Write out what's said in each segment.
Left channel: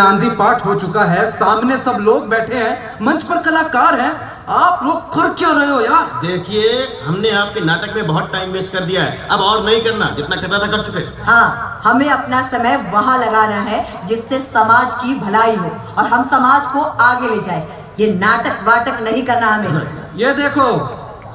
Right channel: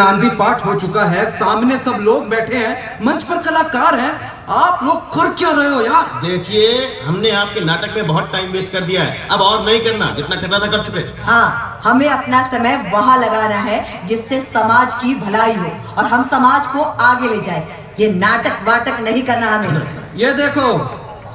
नांदी पाठ हो चुका है, सामने सब लोग बैठे हैं, मंच पर कलाकार हैं, आप लोग कर क्या रहे हो यार? देखिए, हमने आपके नाटक में बहुत टाइम वेस्ट कर दिया है, अब और नहीं करना, जितना करना था कर चुके। हाँ, हमें अपना समय वहाँ लगाना है जिससे समाज की भलाई हो और हम समाज को आगे ले जाए। ये नाटक वाटक नहीं करना हमें। ये देखो,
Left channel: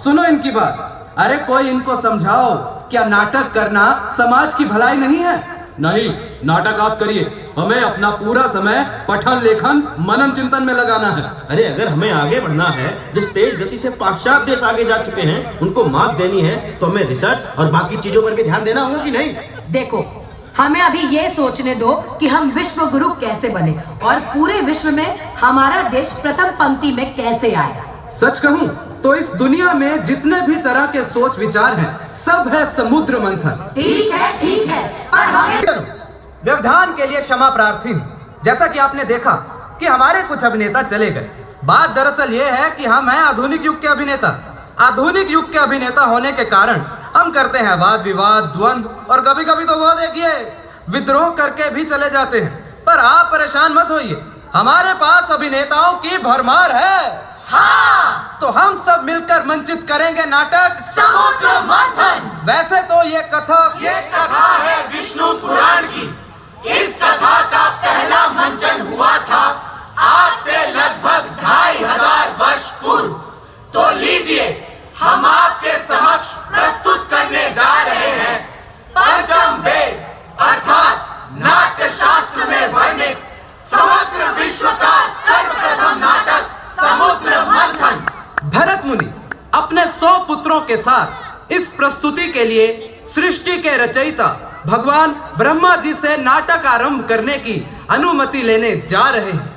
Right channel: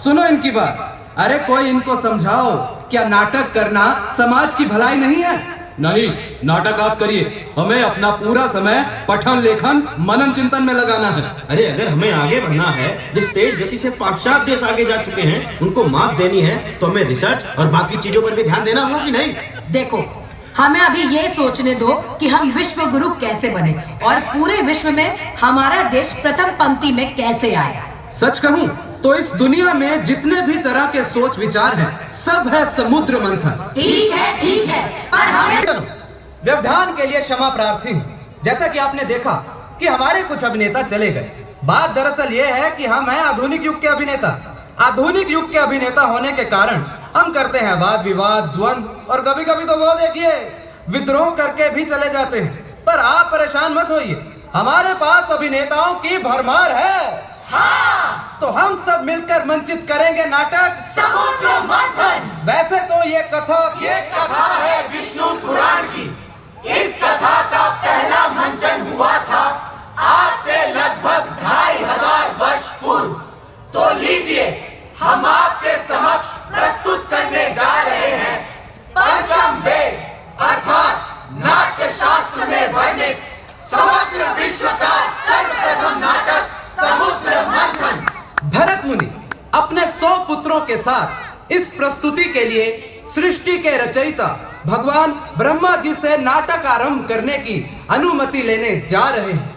सुनो इनकी बात। अरे कोई इनको समझाओ, क्या नाटक करना समाज की भलाई नहीं है? नहीं, नाटक आप करिए, हमें अपना पूरा समय पठन लेखन मनन चिंतन में लगाना है। अरे अगर हमें आगे बढ़ना है, जिस तेज गति से पाश्चात्य देश आगे जा चुके हैं, उनको मात देनी है, तो हमें रिसर्च और बाकी चीजों पर भी ध्यान देना होगा कि नहीं? देखो, हमें अभी ये सोचने दो कि हम विश्व गुरु कैसे बने और पूरे विश्व में हमारा देश प्रथम पंक्ति में कैसे आए। सच कहूं तो इस दुनिया में जितने भी तरह के सोच विचार हैं, सब है समुद्र मंथन। ठीक है, पर हमें व्यवधान के लिए क्षमा प्रार्थी हूँ। जैसा कि आपने देखा कि हमारे कुछ अभिनेता चले गए। बात दरअसल ये है कि हम हैं आधुनिक युग के अभिनेता। आधुनिक युग के अभिनेता होने के कारण हम करते हैं वाद विवाद, द्वंद्व और कभी कभी तो वो देखिए विद्रोह करके भी चले जाते हैं। पर आप परेशान मत होइए, हमारे पास अभिनेताओं की भरमार है। हाँ, तो हम सब मिलकर मंचित करेंगे नाटक समुद्र मंथन। वैसे तो ये कथा है विष्णु पुराण की। इस कथा का पहला मंचन हुआ था आज से लगभग 2500 वर्ष पूर्व। तो लीजिए, हम आपके समक्ष प्रस्तुत करने जा रहे हैं पंचम वेद अर्थात नाट्य शास्त्र में वर्णित समग्र विश्व का सर्वप्रथम नाटक समुद्र मंथन। भरत मुनि अपने 100 पुत्रों के साथ इस प्रस्तुति के लिए सृष्टि के रचयिता भगवान ब्रह्मा जी से नाटक आरंभ करने की अनुमति लेने जा रहे हैं।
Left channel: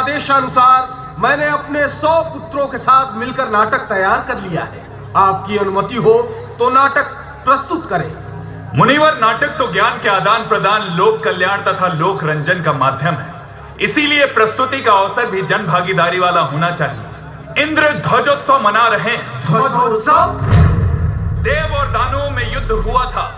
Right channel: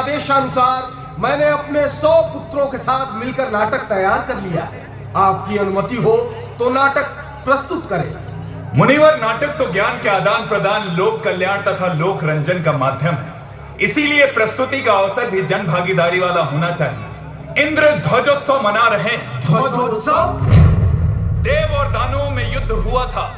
आदेशानुसार मैंने अपने 100 पुत्रों के साथ मिलकर नाटक तैयार कर लिया है। आपकी अनुमति हो तो नाटक प्रस्तुत करें। मुनिवर, नाटक तो ज्ञान के आदान प्रदान, लोक कल्याण तथा लोक रंजन का माध्यम है। इसीलिए प्रस्तुति का अवसर भी जन भागीदारी वाला होना चाहिए। इंद्र ध्वजोत्सव मना रहे हैं। ध्वजोत्सव? देव और दानवों में युद्ध हुआ था।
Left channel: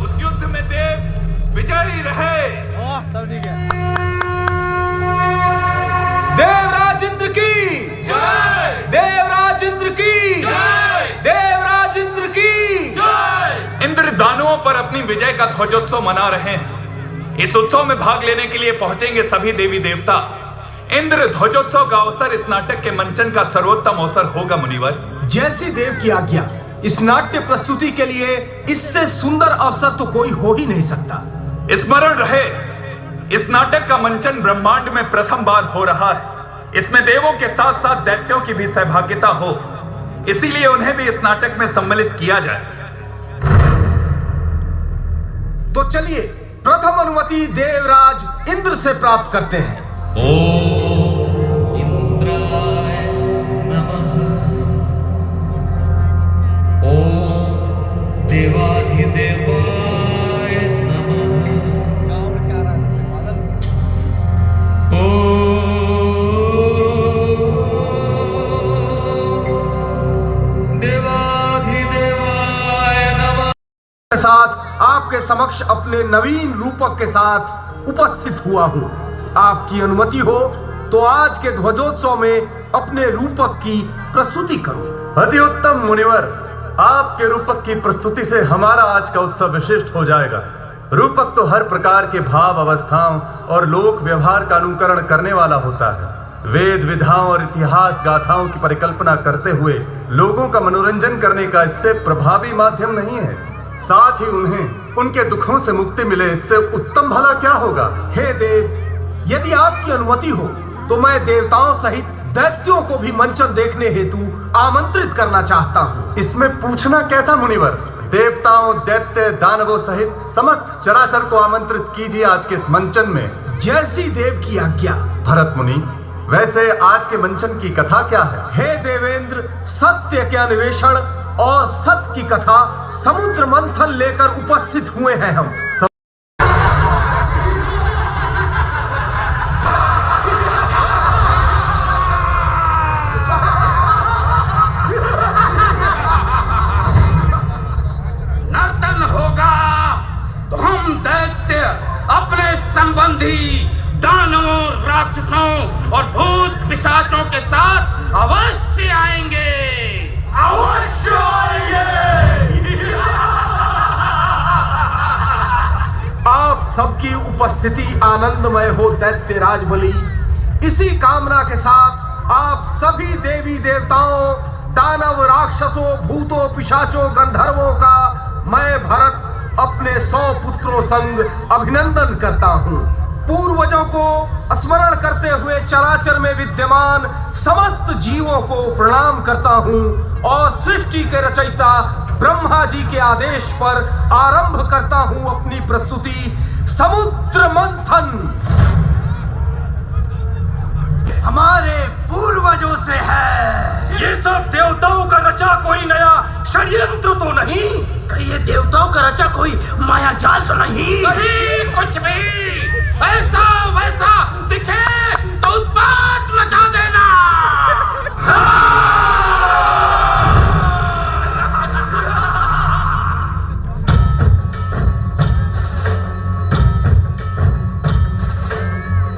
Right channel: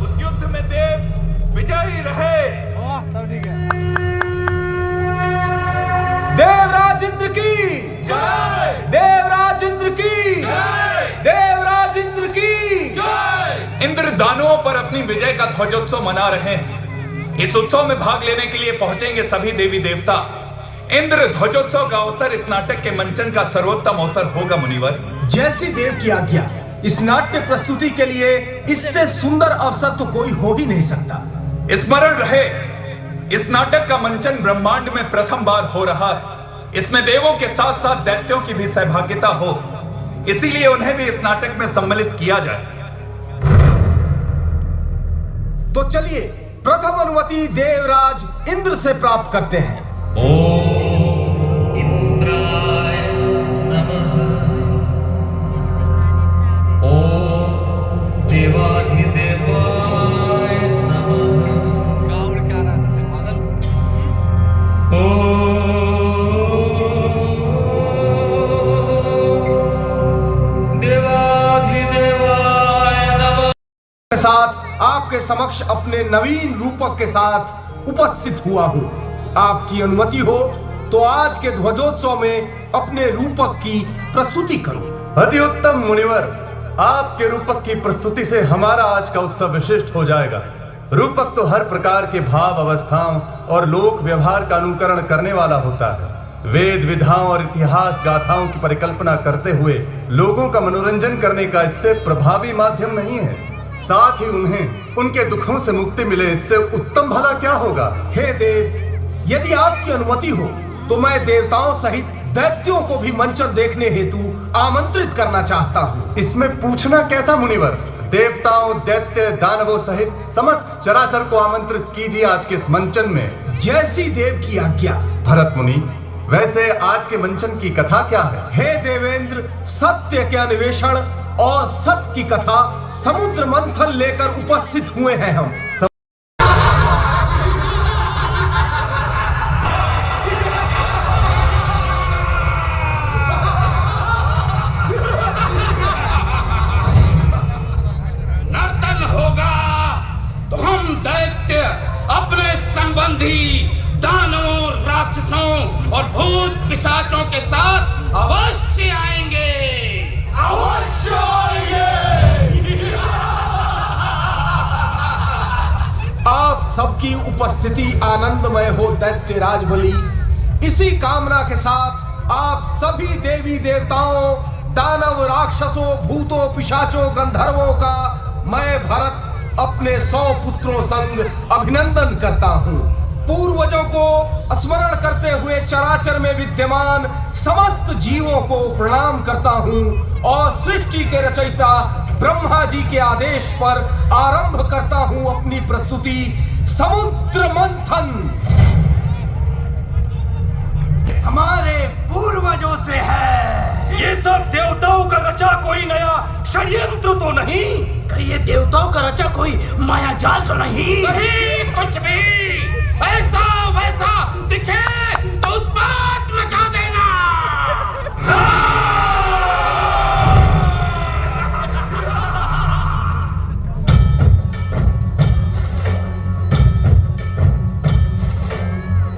उस युद्ध में देव विजयी रहे। देवराज इंद्र की जय, देवराज इंद्र की जय, देवराज इंद्र की जय। इंद्र दानवों पर अपनी विजय का ध्वजोत्सव मना रहे हैं। इस उत्सव में भाग लेने के लिए पहुंचेंगे सभी देवी देवता। इंद्र ध्वजोत्सव का अवसर इस नाटक के मंचन का सर्वोत्तम अवसर होगा मुनिवर। जैसी देव की आज्ञा। इस नाट्य प्रस्तुति के लिए इससे सुंदर अवसर तो कोई हो ही नहीं सकता। स्मरण रहे, इस नाटक का मंचन ब्रह्मांड में प्रथम बार हो रहा है। इसमें देवों के साथ साथ दैत्यों की भी सहभागिता हो, इसीलिए उन्हें भी इस नाटक में सम्मिलित किया जाए। तो चलिए प्रथम अनुमति देवराज इंद्र से प्राप्त करते हैं। ओम इंद्राय नमः। ओम देवाधिदेवाय नमः। ओम देवाधिदेवाय नमः। के साथ आपके समक्ष अपने नवीन रूपक के साथ उपस्थित हुआ हूँ। आपकी अनुमति हो तो आज के ध्वजोत्सव में अपने रूपक की प्रस्तुति करूं। अति उत्तम मुनिवर, आपके रूपक की प्रस्तुति से हमारा आज का उत्सव विशिष्ट हो जाएगा। रूपक तो हर प्रकार के भाव अवस्थाओं और लोक व्यवहार का अनुकरण करने वाला होता है। वेद विधाओं और इतिहास गाथाओं की परिकल्पना करते हुए लोगों का मनोरंजन करने का इससे प्रभावी माध्यम नहीं है। साथ ही उन्हें उनके दुखों से मुक्ति मिले, इससे उत्तम भला क्या होगा। हे देव, यदि आपकी अनुमति हो तो मैं देवताओं सहित दैत्यों को भी मंचन देखने हेतु आमंत्रित करना चाहता हूँ। इसमें पूछना कैसा मुनिवर, देवताओं दैत्य दानवों सहित समस्त चराचर को आमंत्रित कीजिए आज के इस मंचन में। जैसी देव की आज्ञा। भरत मुनि, वैसे आज के मंचन की कथा क्या है? हे देवेंद्र, सत्य के अन्वेषण और सत्य की कथा समुद्र मंथन लेकर उपस्थित हुए हैं हम। नर्तन होगा तो हम दैत्य अपने संबंधी दानवों, राक्षसों और भूत पिशाचों के साथ अवश्य आएंगे। अवश्य आएंगे। आप सबकी उपस्थिति आनंदमय हो दैत्य राजबली। इसी कामना के साथ आप सभी देवी देवताओं, दानव, राक्षसों, भूतों, पिशाचों, गंधर्वों का मैं भरत अपने 100 पुत्रों संग अभिनंदन करता हूँ। पूर्वजों को स्मरण करते हुए चराचर में विद्यमान समस्त जीवों को प्रणाम करता हूँ और सृष्टि के रचयिता ब्रह्मा जी के आदेश पर आरंभ करता हूँ अपनी प्रस्तुति समुद्र मंथन। हमारे पूर्वजों से है। ये सब देवताओं का रचा कोई नया षड्यंत्र तो नहीं? कहीं ये देवताओं का रचा कोई माया जाल तो नहीं? नहीं कुछ भी। ऐसा वैसा दिखे तो उत्पात मचा देना।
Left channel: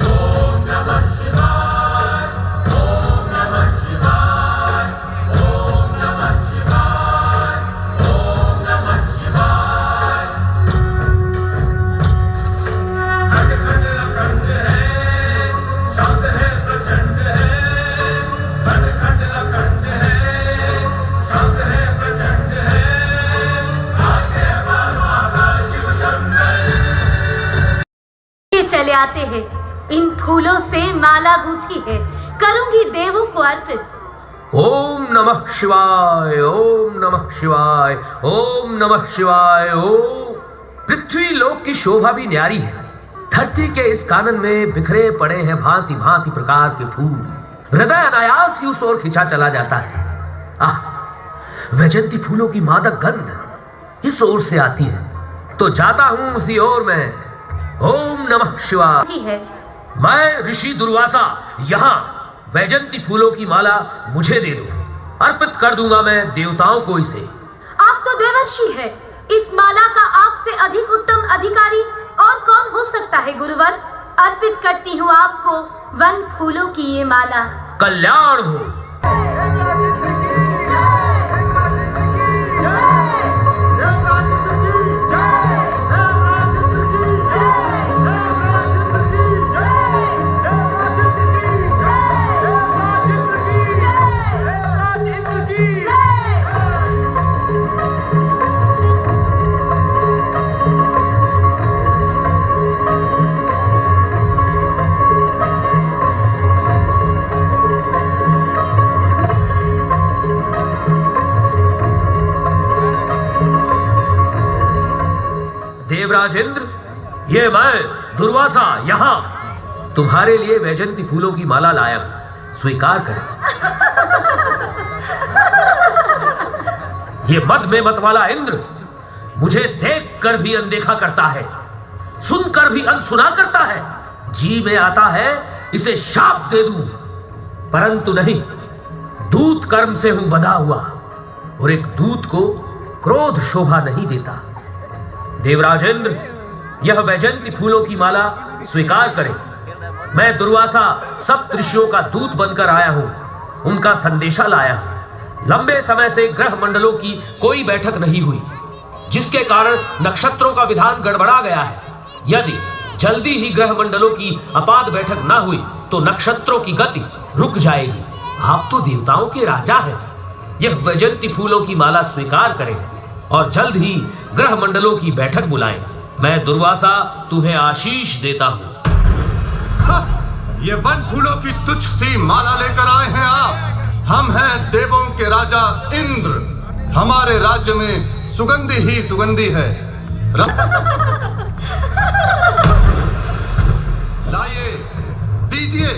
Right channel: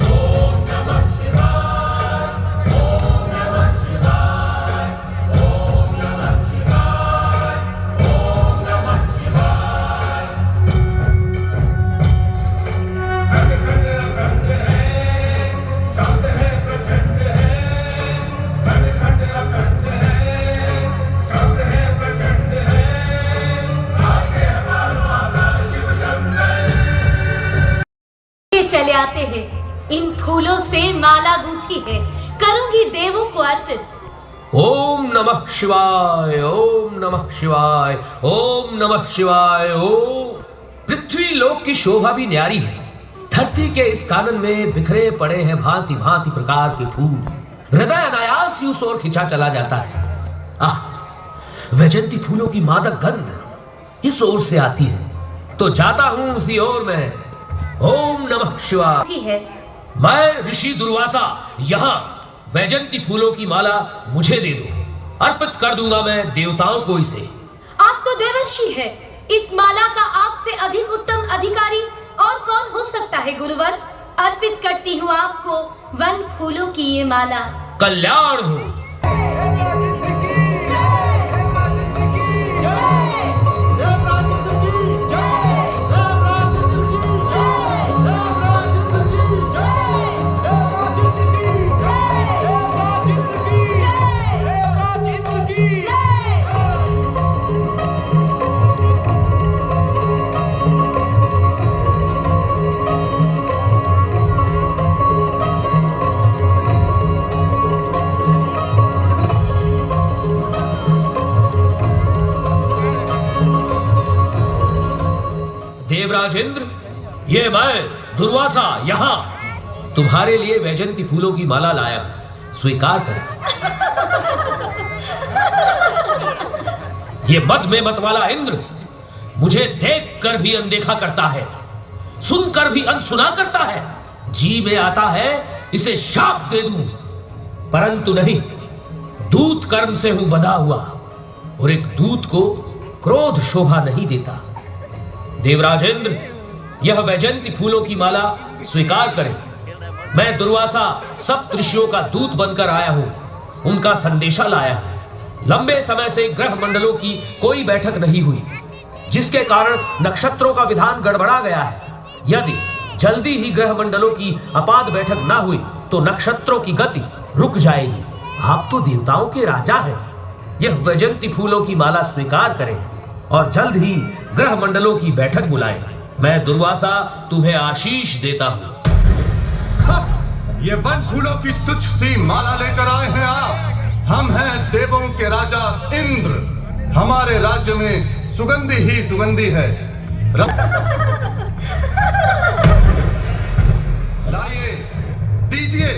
ओम नमः शिवाय। ओम नमः शिवाय। ओम नमः शिवाय। ओम नमः शिवाय। खंड खंड अखंड है, शांत है प्रचंड है। खंड खंड अखंड है, शांत है प्रचंड है। आगे बाबा शिव शंकर। ये चले आते हैं, इन फूलों से माला गूंथी है, करूंगी देवों को अर्पित। ओम नमः शिवाय। ओम नमः शिवाय। ओम नमः शिवाय। ओम। पृथ्वी लोक की शोभा भी न्यारी है। धरती के इस कानन में बिखरे पड़े हैं भांति भांति प्रकार के फूल। हृदय अनायास ही उस ओर खिंचा चला जाता है। आह, वैजंती फूलों की मादक गंध इस ओर से आती है, तो जाता हूं उसी ओर में। ओम नमः शिवाय। ठीक है। मैं ऋषि दुर्वासा यहाँ वैजंती फूलों की माला मुझे दे दो, अर्पित कर दूंगा मैं देवताओं को इसे। आप तो देवर्षि है, इस माला का आपसे अधिक उत्तम अधिकारी और कौन हो सकता है गुरुवर? अर्पित करती हूँ आपको वन फूलों की ये माला। कल्याण हो। देवराज इंद्र की देवराज इंद्र, ये मैं दुर्वासा यहाँ तुम्हारे लिए वैजंती फूलों की माला लाया हूं, स्वीकार करें। ये मद में मत वाला इंद्र मुझे देख कर भी अनदेखा करता है, सुनकर भी अनसुना करता है। जी में आता है इसे शाप दे दूं, परंतु नहीं, दूत कर्म से हूं बंधा हुआ और एक दूत को क्रोध शोभा नहीं देता। देवराज इंद्र, यह वैजंती फूलों की माला स्वीकार करें। मैं दुर्वासा सप्त ऋषियों का दूत बनकर आया हूं, उनका संदेशा लाया हूं। लंबे समय से ग्रह मंडलों की कोई बैठक नहीं हुई, जिसके कारण नक्षत्रों का विधान गड़बड़ा गया है। यदि जल्दी ही ग्रह मंडलों की अपाद बैठक ना हुई तो नक्षत्रों की गति रुक जाएगी। आप तो देवताओं के राजा हैं, यह वैजंती फूलों की माला स्वीकार करें और जल्द ही ग्रह मंडलों की बैठक बुलाएं। मैं दुर्वासा तुम्हें आशीष देता हूं। ये वन फूलों की तुच्छ सी माला लेकर आए हैं आप। हम हैं देवों के राजा इंद्र, हमारे राज्य में सुगंधी ही सुगंधी है। लाइए, दीजिए।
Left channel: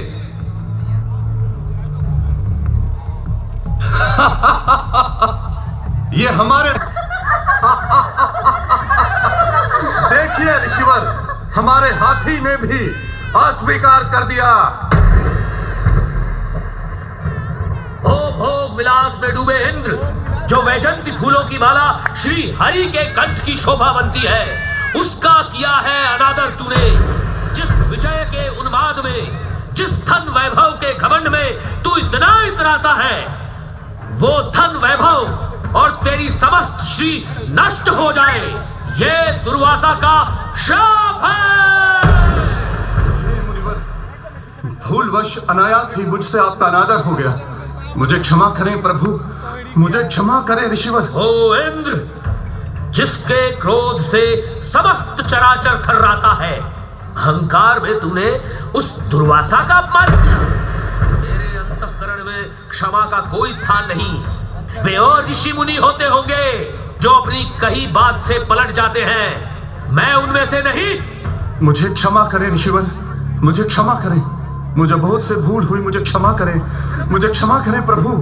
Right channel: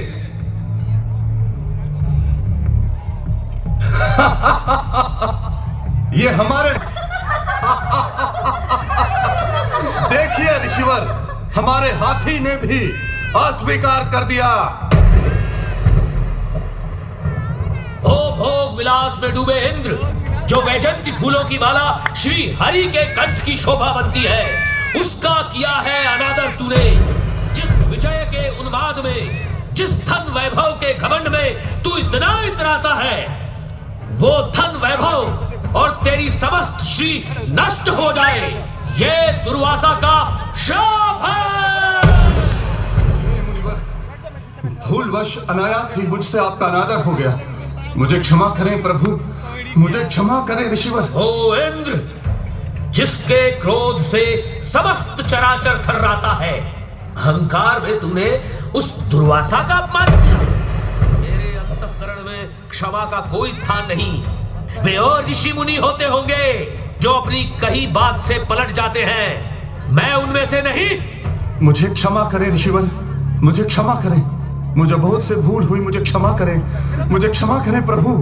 ये हमारे देखिए ऋषिवर, हमारे हाथी ने भी अस्वीकार कर दिया। ओ भोग विलास में डूबे इंद्र, जो वैजंती फूलों की माला श्री हरि के कंठ की शोभा बनती है, उसका किया है अनादर तूने। जिस विजय के उन्माद में, जिस धन वैभव के घमंड में तू इतना इतराता है, वो धन वैभव और तेरी समस्त श्री नष्ट हो जाए, ये दुर्वासा का शाप है। भूलवश अनायास ही मुझसे आपका अनादर हो गया, मुझे क्षमा करें प्रभु, मुझे क्षमा करें ऋषिवर। ओ इंद्र, जिसके क्रोध से समस्त चराचर थर्राता है, अहंकार में तूने उस दुर्वासा का अपमान किया। मेरे अंतःकरण में क्षमा का कोई स्थान नहीं। वे और ऋषि मुनि होते होंगे जो अपनी कही बात से पलट जाते हैं, मैं उनमें से नहीं। मुझे क्षमा करें ऋषिवर, मुझे क्षमा करें, मुझे बहुत से भूल हुई, मुझे क्षमा करें, मुझे क्षमा करें प्रभु।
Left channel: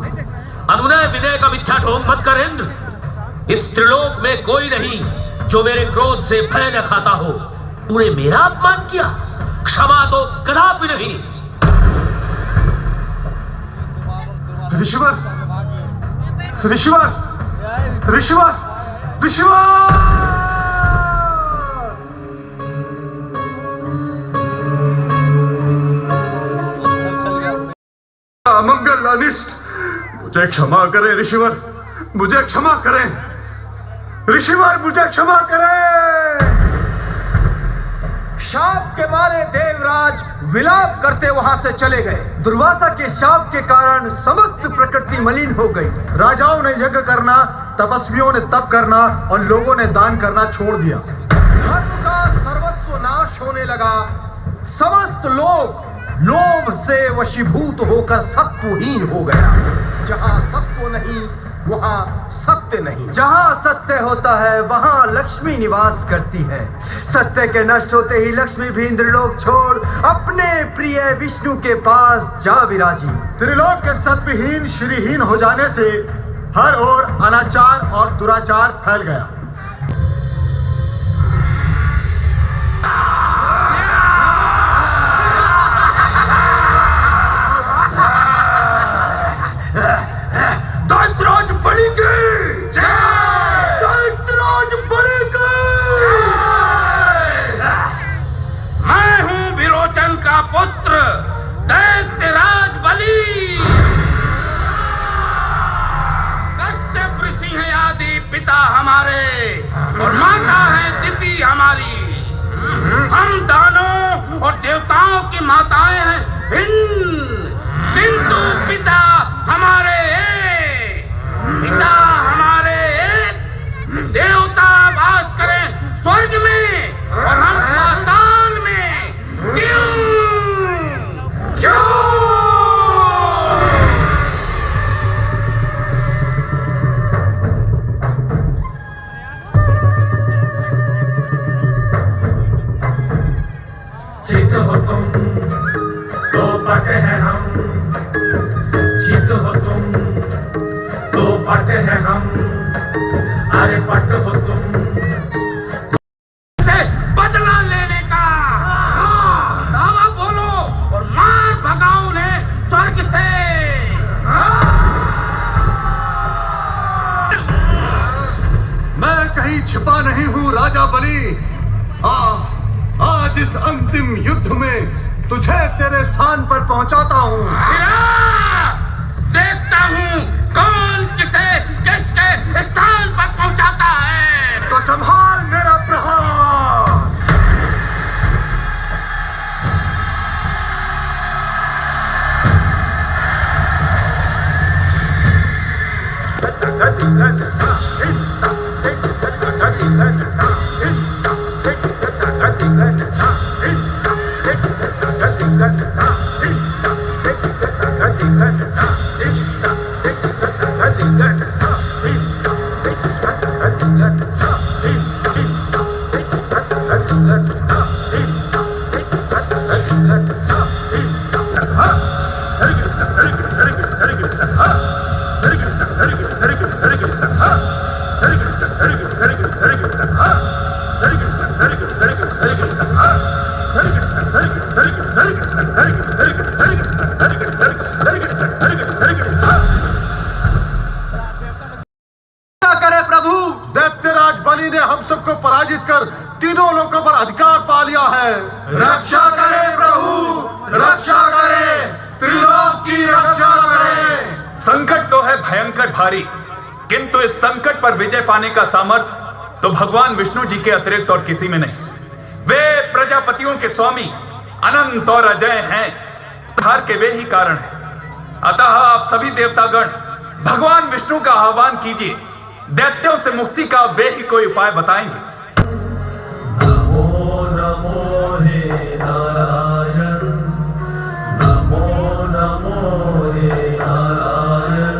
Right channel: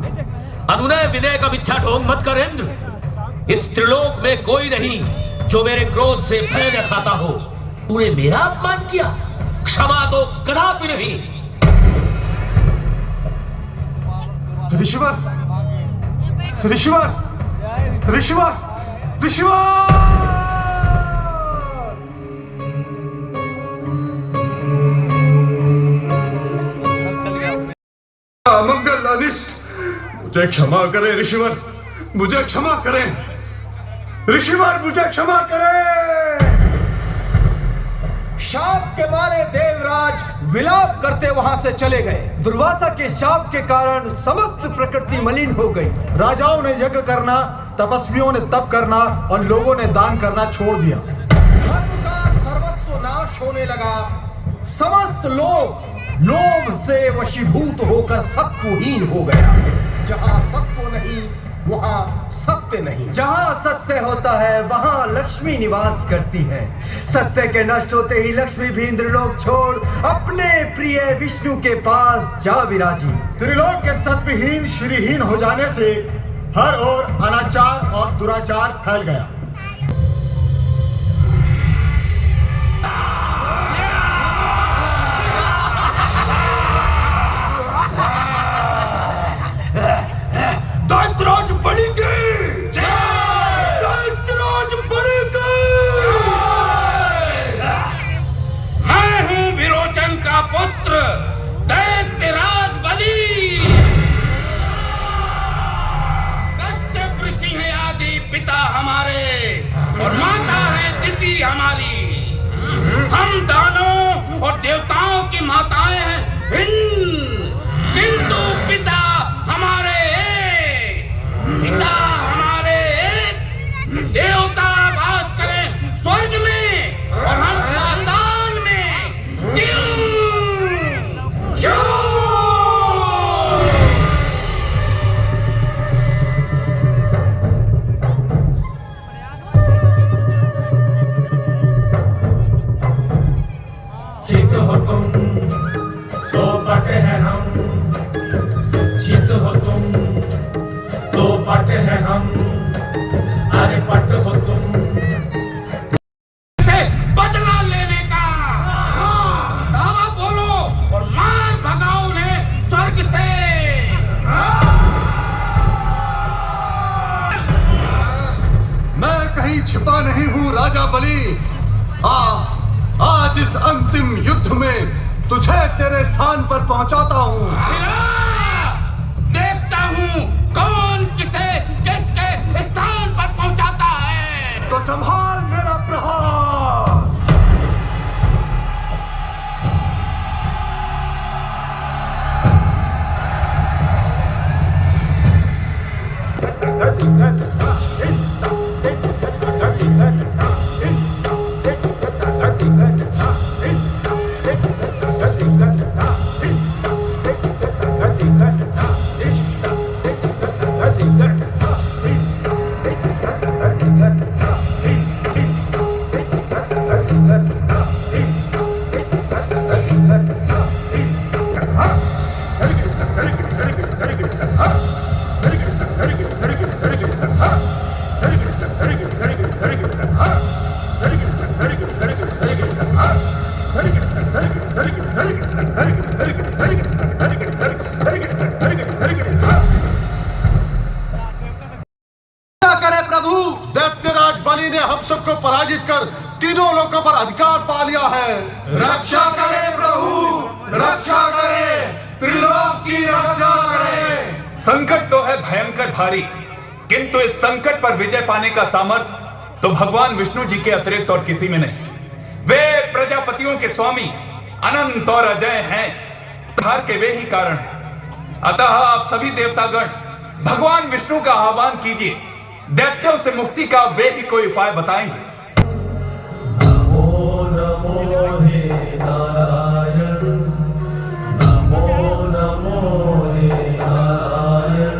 अनुनय विनय का मिथ्या ढोंग मत कर इंद्र। इस त्रिलोक में कोई नहीं जो मेरे क्रोध से भय न खाता हो। तूने मेरा अपमान किया, क्षमा तो कदापि नहीं। ऋषिवर, ऋषिवर, ऋषिवर, ऋषिवर! अमंगल अनिष्ट, मुझे क्षमा करें ऋषिवर, मुझे क्षमा करें ऋषिवर, मुझे क्षमा करें। शाप के मारे देवराज विलाप करते वहां से चले गए। दुर्वासा के शाप के कारण समस्त प्रकृति मलिन हो गई। राजाओं ने यज्ञ करना, तपस्वियों ने तप करना और लोगों ने दान करना छोड़ दिया। धर्म का सर्वस्व नाश होने लगा। समस्त लोग लोभ से वशीभूत होकर सत्वहीन हो गया। जहां सत्व नहीं वहां सत्य नहीं। जहां सत्य होता है वहां लक्ष्मी निवास करती है। सत्य के नष्ट होते ही लक्ष्मी भी इंद्रलोक छोड़ अपने प्रिय विष्णु के पास जा विराजी। त्रिलोक के सत्वहीन श्रीहीन हो जाने से हर ओर अनाचार और दुराचार फैल गया। दैत्यराज बलि की जय! दैत्यराज बलि की जय! मैं हूं विरोचन का पुत्र दैत्यराज बलि। कश्यप ऋषि हैं आदि पिता हमारे और माता है दिति हमारी। हम दानों और देवताओं की माताएं हैं भिन्न, किंतु पिता हमारे पिता हमारे एक। देवता वास करें स्वर्ग में और हम पाताल में। क्यों? क्यों? तो पट है हम, चित हो तुम तो पट है हम, अरे पट हो तुम से बदला लेने का दावा बोलो और मार भगाओ उन्हें स्वर्ग से। मैं कहीं छिपा नहीं हूँ राजा बलि। आज इस अंतिम युद्ध में तुझे तेरे स्थान पर पहुंचाता हूँ। देखता हूँ कौन किसे किसके स्थान पर पहुंचाता है। तो संभाल मेरा प्रहार। करे प्रभु। दैत्यराज बलि ने हम सबको पराजित कर तीनों लोगों पर अधिकार पा लिया है। रक्षा करे प्रभु, रक्षा करे, त्रिलोक की रक्षा करे। संकट तो है भयंकर भारी, किंतु इस संकट पर विजय पाने का सामर्थ्य तो भगवान विष्णु जी के अतिरिक्त और किसी में नहीं। वे प्रजापतियों के स्वामी अनंत और अजय हैं, हार के वे ही कारण हैं। अतः आप सभी देवतागण भगवान विष्णु का आह्वान कीजिए, दैत्यों से मुक्ति का वे ही कोई उपाय बताएंगे। नमो नमो हे नारायण, नमो नमो हे नारायण,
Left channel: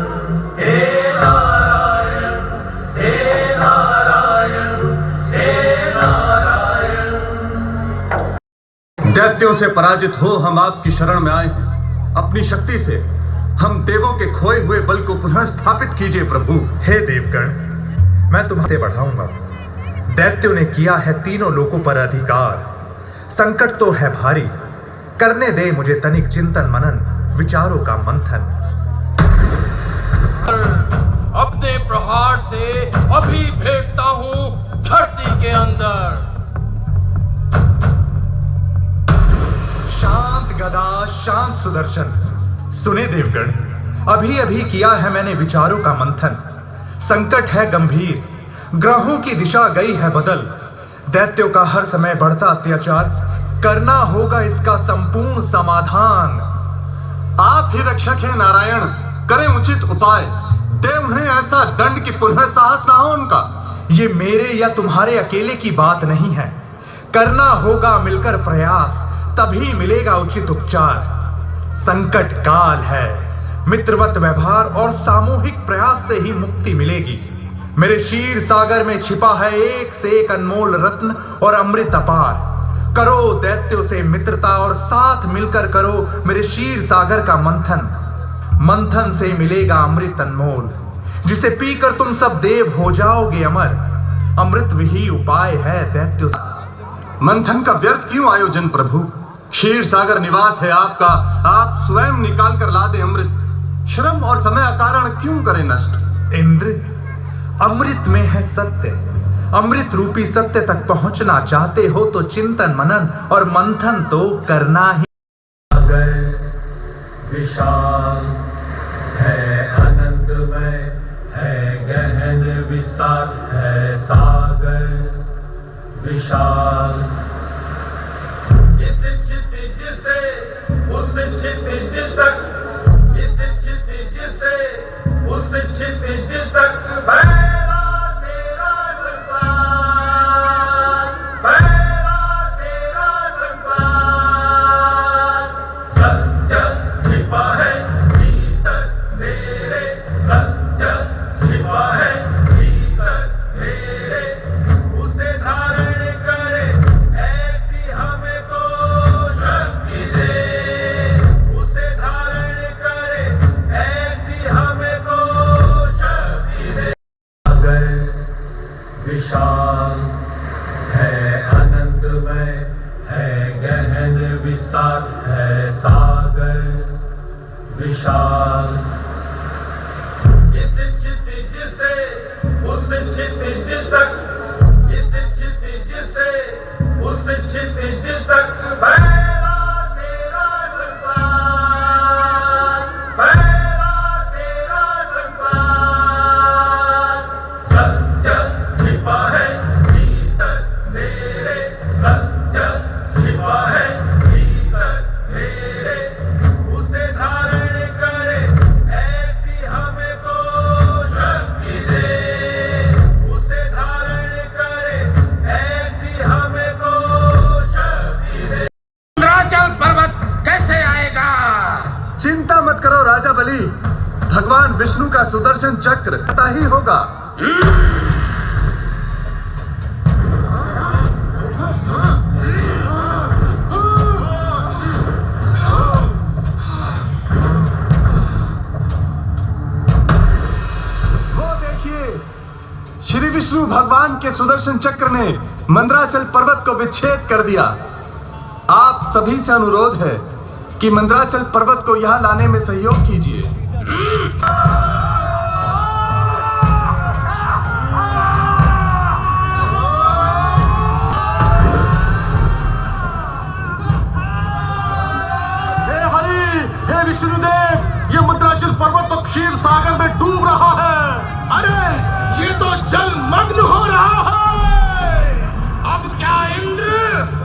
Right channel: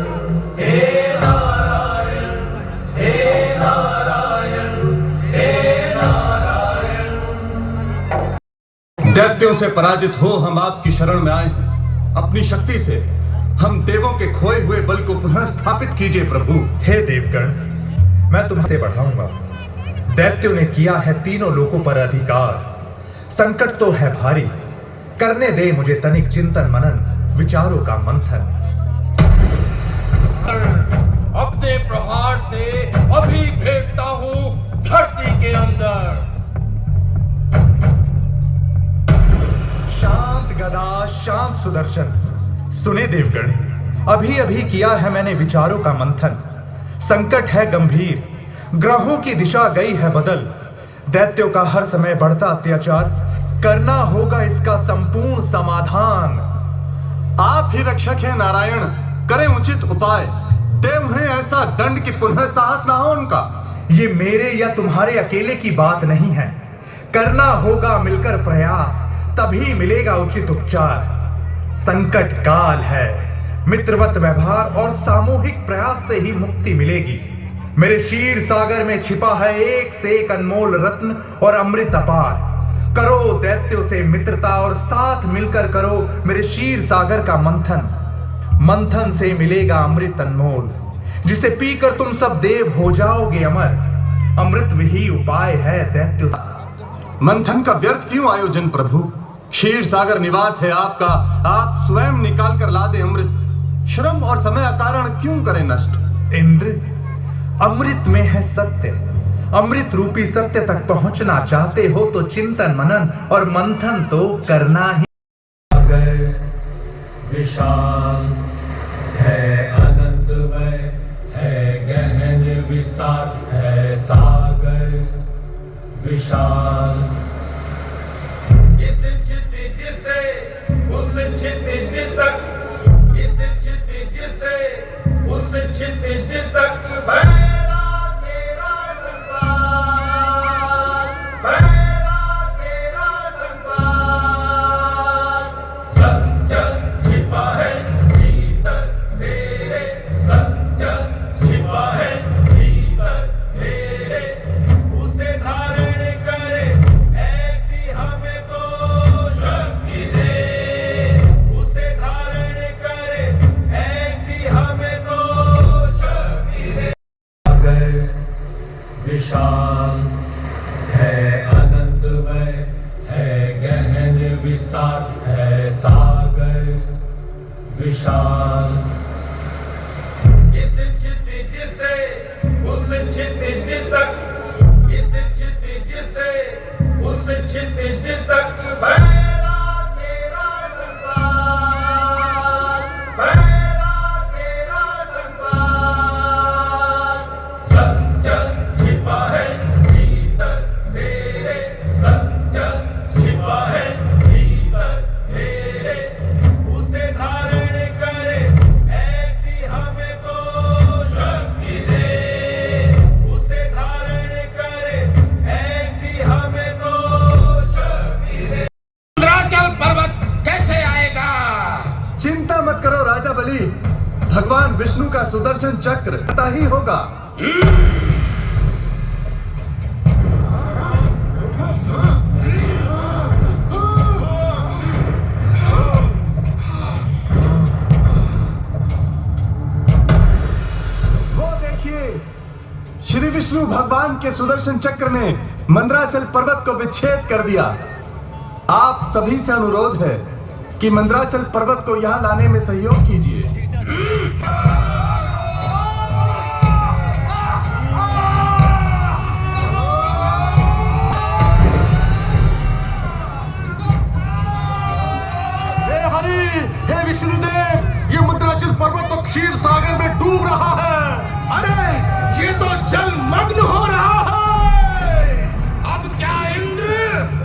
हे नारायण, हे नारायण, हे नारायण। दैत्यों से पराजित हो हम आपकी शरण में आए हैं। अपनी शक्ति से हम देवों के खोए हुए बल को पुनः स्थापित कीजिए प्रभु। हे देवगण, मैं तुमसे बढ़ाऊंगा। दैत्यों ने किया है तीनों लोकों पर अधिकार। संकट तो है भारी, करने दे मुझे तनिक चिंतन मनन, विचारों का मंथन। अपने प्रहार से अभी भेजता हूँ धरती के अंदर। शांत गदा, शांत सुदर्शन। सुने देवगण, अभी अभी किया है मैंने विचारों का मंथन। संकट है गंभीर, ग्रहों की दिशा गई है बदल। दैत्यों का हर समय बढ़ता अत्याचार, करना होगा इसका संपूर्ण समाधान। आप ही रक्षक हैं नारायण, करें उचित उपाय, दे उन्हें ऐसा दंड कि पुनः साहस ना हो उनका। ये मेरे या तुम्हारे अकेले की बात नहीं है, करना होगा मिलकर प्रयास, तभी मिलेगा उचित उपचार। संकट काल है, मित्रवत व्यवहार और सामूहिक प्रयास से ही मुक्ति मिलेगी। मेरे क्षीर सागर में छिपा है एक से एक अनमोल रत्न और अमृत अपार। करो दैत्यों से मित्रता और साथ मिलकर करो मेरे क्षीर सागर का मंथन। मंथन से मिलेगा अमृत अनमोल, जिसे पीकर तुम सब देव हो जाओगे अमर। अमृत ही उपाय है दैत्यों। मंथन का व्यर्थ क्यों आयोजन प्रभु? क्षीर सागर निवास है आपका, आप स्वयं निकाल कर ला दे अमृत। श्रम और समय अकारण क्यों करें नष्ट? इंद्र, अमृत में है सत्य। अमृत रूपी सत्य तक पहुंचना चाहते हो तो चिंतन मनन और मंथन तो करना ही। विशाल है, अनंतमय है, गहन विस्तार है सागर विशाल। इस क्षितिज से उस क्षितिज तक, इस क्षितिज से उस क्षितिज तक फैला तेरा संसार, फैला तेरा संसार। सत्य छिपा है भीतर मेरे, सत्य छिपा है भीतर मेरे, उसे धारण करे ऐसी हमें तो शक्ति दे। विशाल। इस क्षितिज से उस क्षितिज तक, इस क्षितिज से उस क्षितिज तक फैला तेरा संसार, फैला तेरा संसार। सत्य छिपा है भीतर तेरे, सत्य छिपा है भीतर तेरे। उसे धारण करे ऐसी हमें तो शक्ति दे, उसे धारण करे ऐसी हमें तो शक्ति दे। इंद्राचल पर्वत कैसे आएगा? चिंता मत करो राजा बलि, भगवान विष्णु का सुदर्शन चक्र पता ही होगा। वो देखिए, श्री विष्णु भगवान के सुदर्शन चक्र ने मंदराचल पर्वत को विच्छेद कर दिया। आप सभी से अनुरोध है कि मंदराचल पर्वत को यहां लाने में सहयोग कीजिए। हे हरि, हे विष्णुदेव, ये मंदराचल पर्वत तो क्षीर सागर में डूब रहा है। अरे ये तो जलमग्न हो रहा है। अब क्या इंद्र?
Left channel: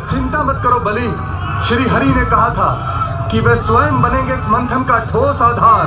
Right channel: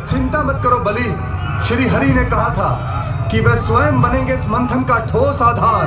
चिंता मत करो बलि, श्री हरि ने कहा था कि वे स्वयं बनेंगे इस मंथन का ठोस आधार।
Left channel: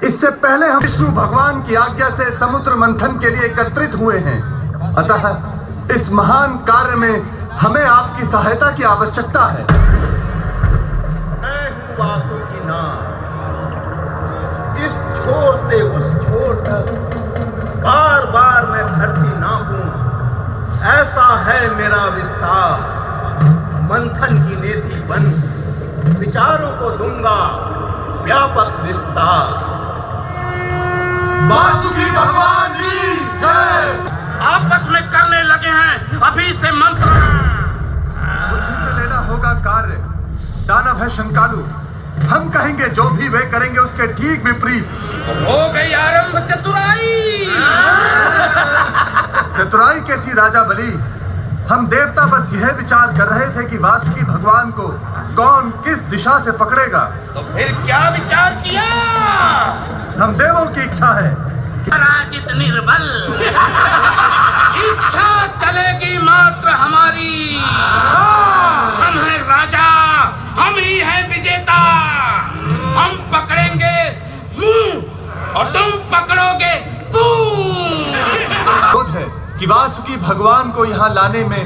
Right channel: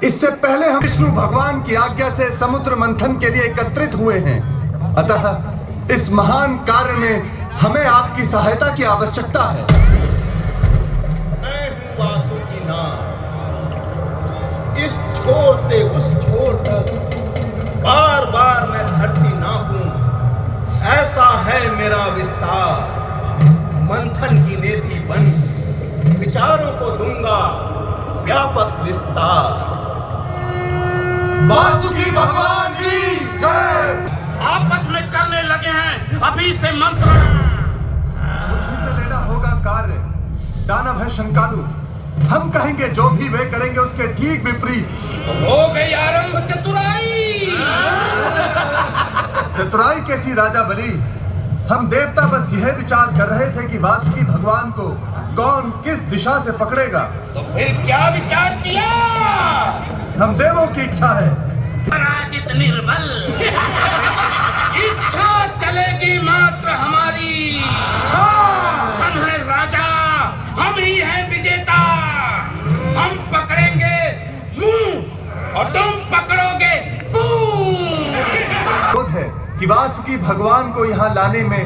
इससे पहले हम विष्णु भगवान की आज्ञा से समुद्र मंथन के लिए एकत्रित हुए हैं, अतः इस महान कार्य में हमें आपकी सहायता की आवश्यकता है। मैं हूँ वासुकीनाथ। इस छोर से उस छोर तक बार बार मैं धरती नापूं, ऐसा है मेरा विस्तार। मंथन की नेति बन विचारों को दूंगा व्यापक विस्तार। वासुकी भगवान की जय। आपस में करने लगे हैं अभी से मंत्र। बुद्धि से लेना होगा कार्य। दानव है शंकालु, हम कहेंगे जो भी वे करेंगे उसके ठीक विपरीत। हो गई आरंभ चतुराई। चतुराई कैसी राजा बलि? हम देवता बस यह विचार कर रहे थे कि वासुकी भगवान को कौन किस दिशा से पकड़ेगा। तो फिर क्या विचार किया? हम देवों की इच्छा है। पराजित निर्बल। इच्छा चलेगी मात्र हमारी। हम हैं राजा, हम ही हैं विजेता। हम पकड़ेंगे मुंह और तुम पकड़ोगे पूंछ। क्रोध है कि वासुकी भगवान को यहाँ लाने में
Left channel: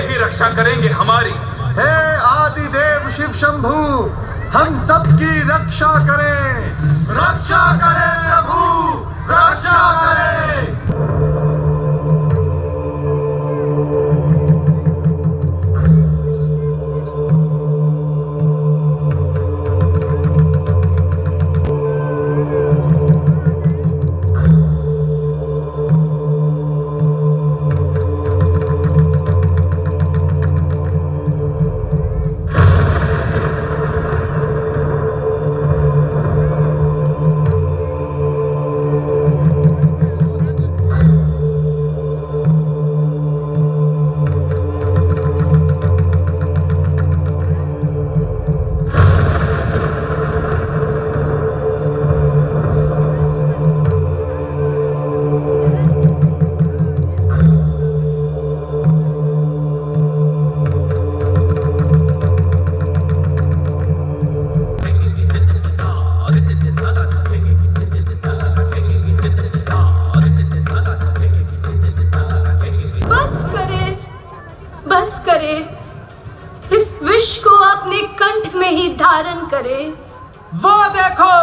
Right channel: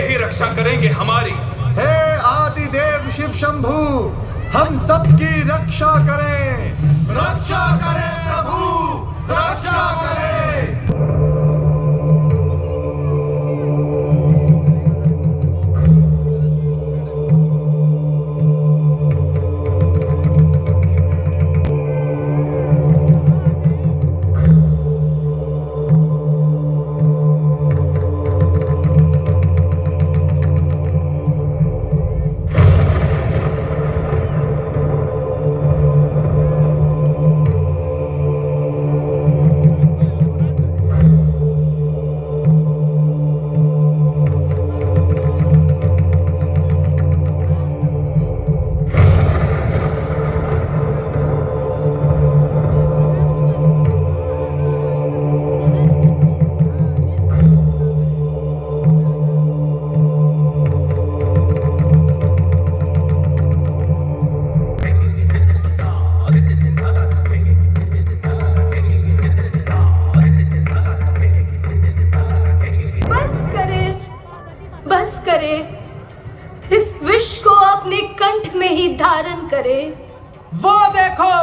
ही रक्षा करेंगे हमारी। हे आदिदेव शिव शंभु, हम सबकी रक्षा करें प्रभु, रक्षा करें। बस करे, इस विष को अपने कंठ में ही धारण करे। वो देखो,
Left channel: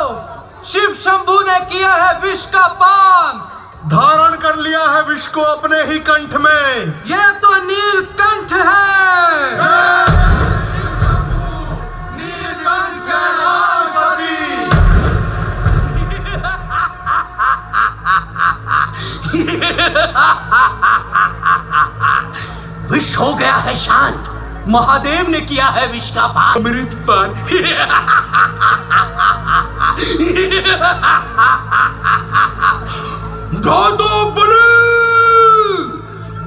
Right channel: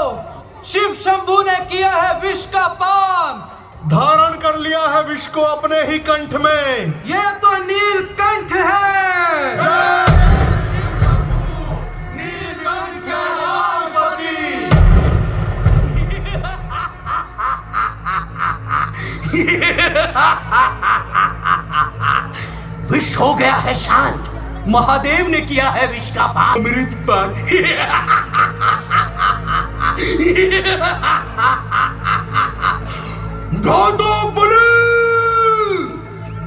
शिव शंभु ने किया है विष का पान, धारण कर लिया है विष को अपने ही कंठ में। ये तो नीलकंठ है। नीलकंठ लालपति। विष हो गया है शांत, महादेव ने किया है विष का पान, अमृत पान। घातो बलि,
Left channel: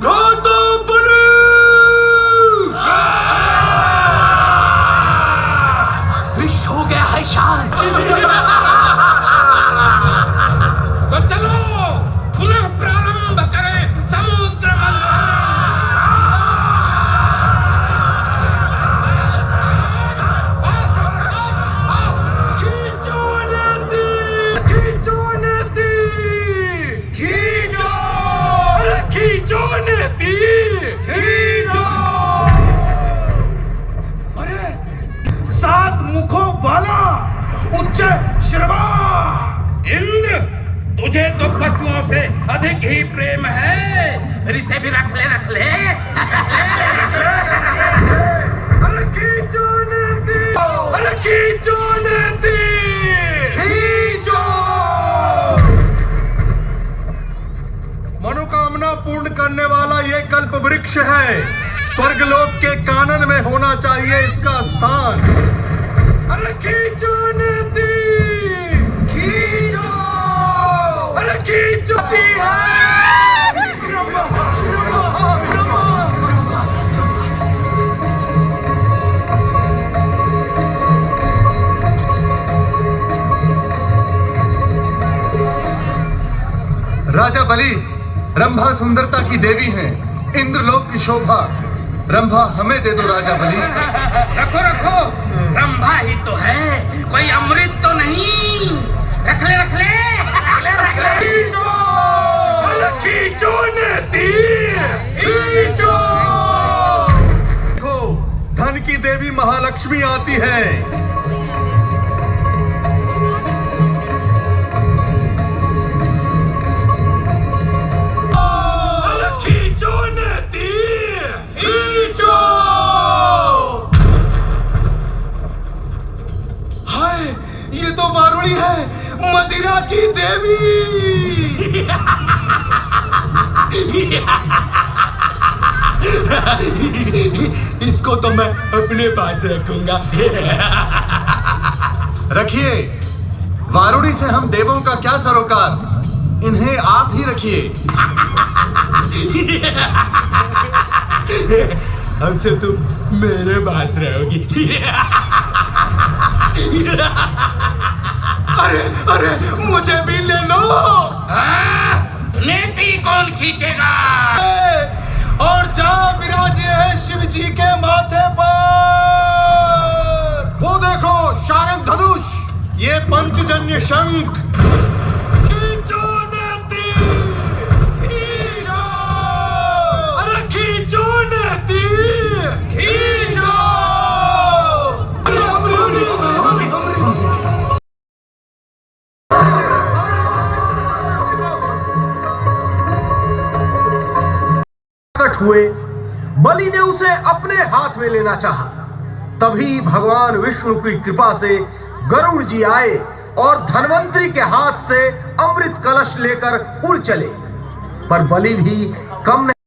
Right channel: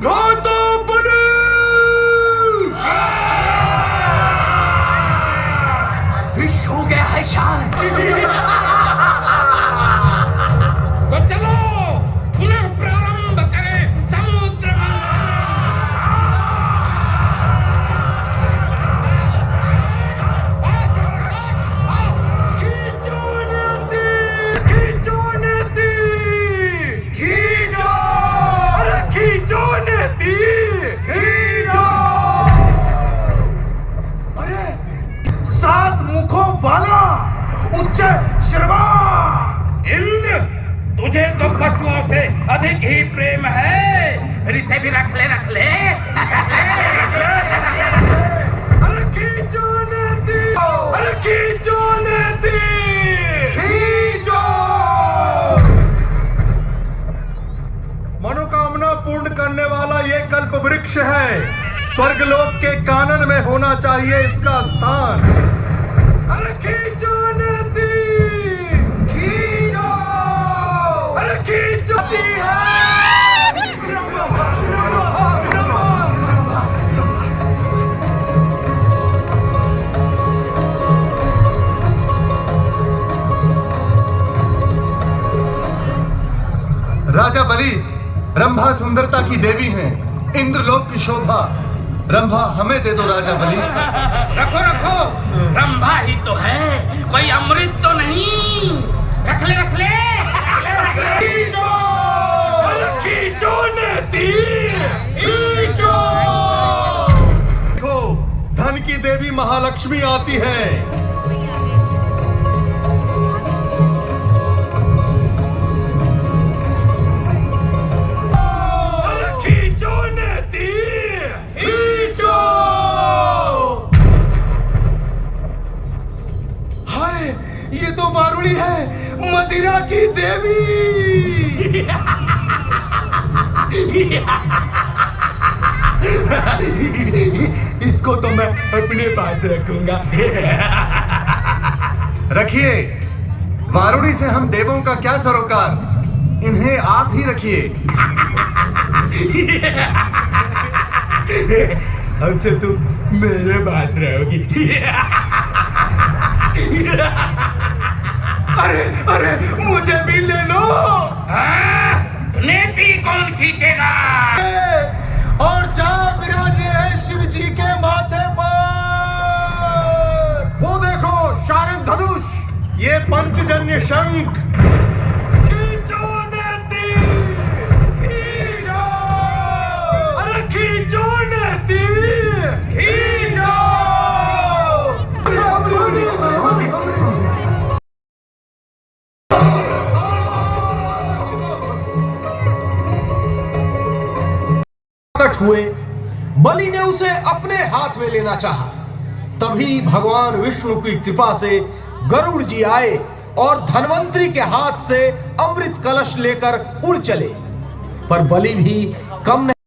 घातो बलि। विष हो गया है शांत। तो चलो पुनः प्रारंभ करें समुद्र मंथन। खींचो नदी, खींचो नदी, खींचो, खींचो नदी, खींचो। अरे 7 मुखों वाला उच्च श्रवा इंद्र, तुझे तो पशुओं से अधिक ही प्रेम है, फिर इसे भी रख ले, रख ले। अरे खींचो नदी, अरे खींचो नदी, खींचो। मनोकामना पूर्ण करने वाला ये कल्प वृक्ष है, स्वर्गलोक के कानन में होना चाहिए इसका स्थान। अरे खींचो नदी, खींचो, अरे खींचो। राजा बलि, रंभा सुंदरता की देवी हैं, इंद्रलोक की शोभा। रंभा हमें दे दो राजा बलि। रखो रखो, रंभा ही तो है, कोई अमृत तो नहीं। रख ले, रख ले, खींचो, अरे खींचो नदी, खींचो। देखो, धन की देवी महालक्ष्मी आती है। खींचो नदी, खींचो। हाय, ये तो वारुणी है, मदिरा की देवी। इसको तो मैं अपने पास रखूंगा। रखिए, वारुणी से हम देवों का क्या सरोकार, इन्हें आप ही रखिए। हमसे तुम मेरे पास रहोगी। अरे अरे, मुझे भी ले लो। नेति कौन खींचेगा? और जहाँ विराजे है शिव जी के माथे पर, वो देखो शारंग धनुष, ये पंचजन्य शंख। खींचो नदी, खींचो, अरे खींचो नदी। हुए। बलि ने उसे अपने हाथ में लेना चाहा। तभी भगवान विष्णु की कृपा से गरुड़ जी आए और धन्वंतरी के हाथ से अमृत कलश लेकर उड़ चले। पर बलि भी कम नहीं